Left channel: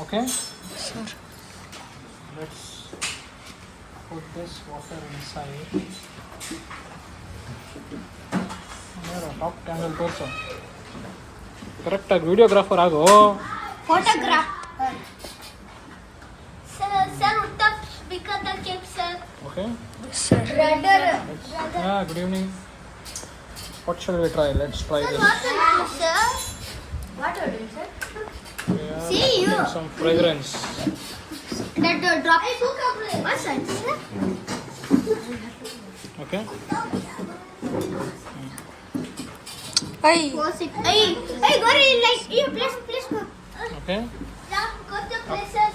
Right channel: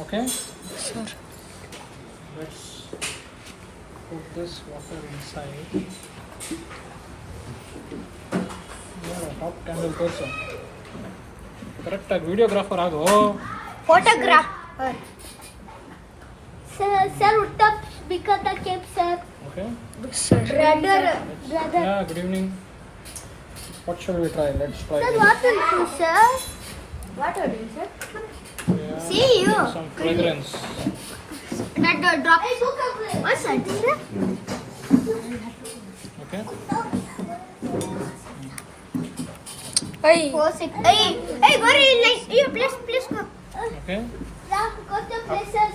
Okay. Sure. Let's put this water inside. Top candle person. Correct. Videographer ago. Photographer. Sir, the speaker the keep sir. Okay. Sir. Brother. Yeah. Good evening. What shall we try? Let's try this. What sir? What sir? Yeah, See you. some fragrance. That drop. What's that? Okay. Hey. Hey, go like you please go. Okay. Yeah, go to places.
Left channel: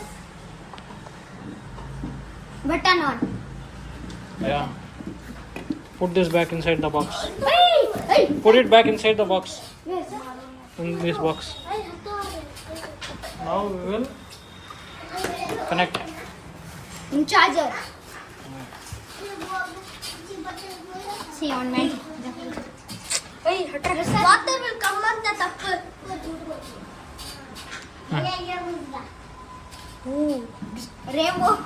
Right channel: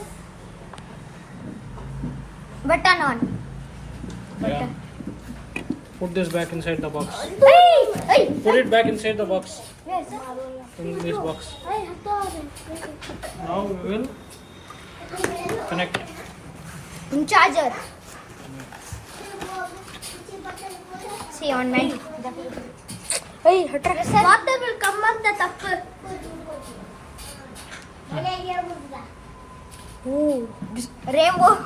Button on. Yeah. Put this back inside the box. Hey. Put it back inside the box. Yes. In this box. Now we will connect. In charger. See online. Hey, hatra. Water will come up the top. Oh. Rainbow.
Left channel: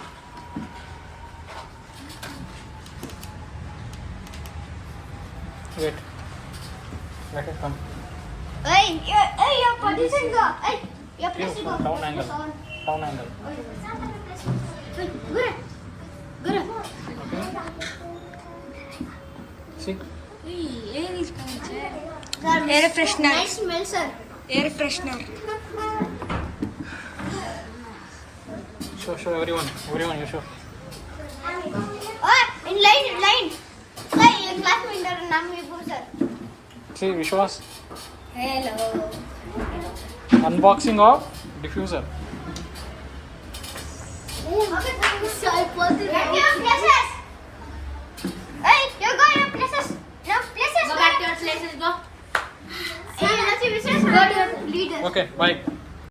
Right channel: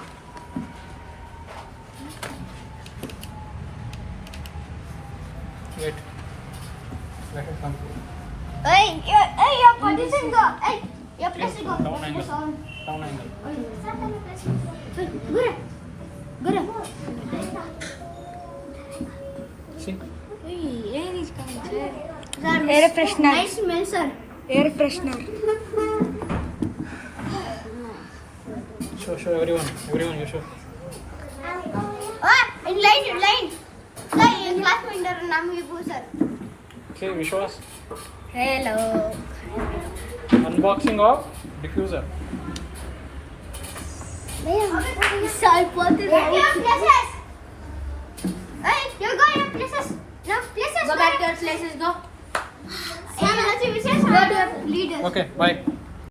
Wait. Let it come. Hey, your position go. Hey, your place to go. Down angle. Down angle. Good. See? Air freshener. Nice smell, sir. Air freshener. Show everyone. Everyone, you show. In line. Sir, in class window naam lipo, sir. See, Vishwas. Hello. Unboxing of diffuser. Sir, what is your places? Hey, you go your places. Your places. Go back to your places, go. Hey, let's see, go to your leader. Okay, bye.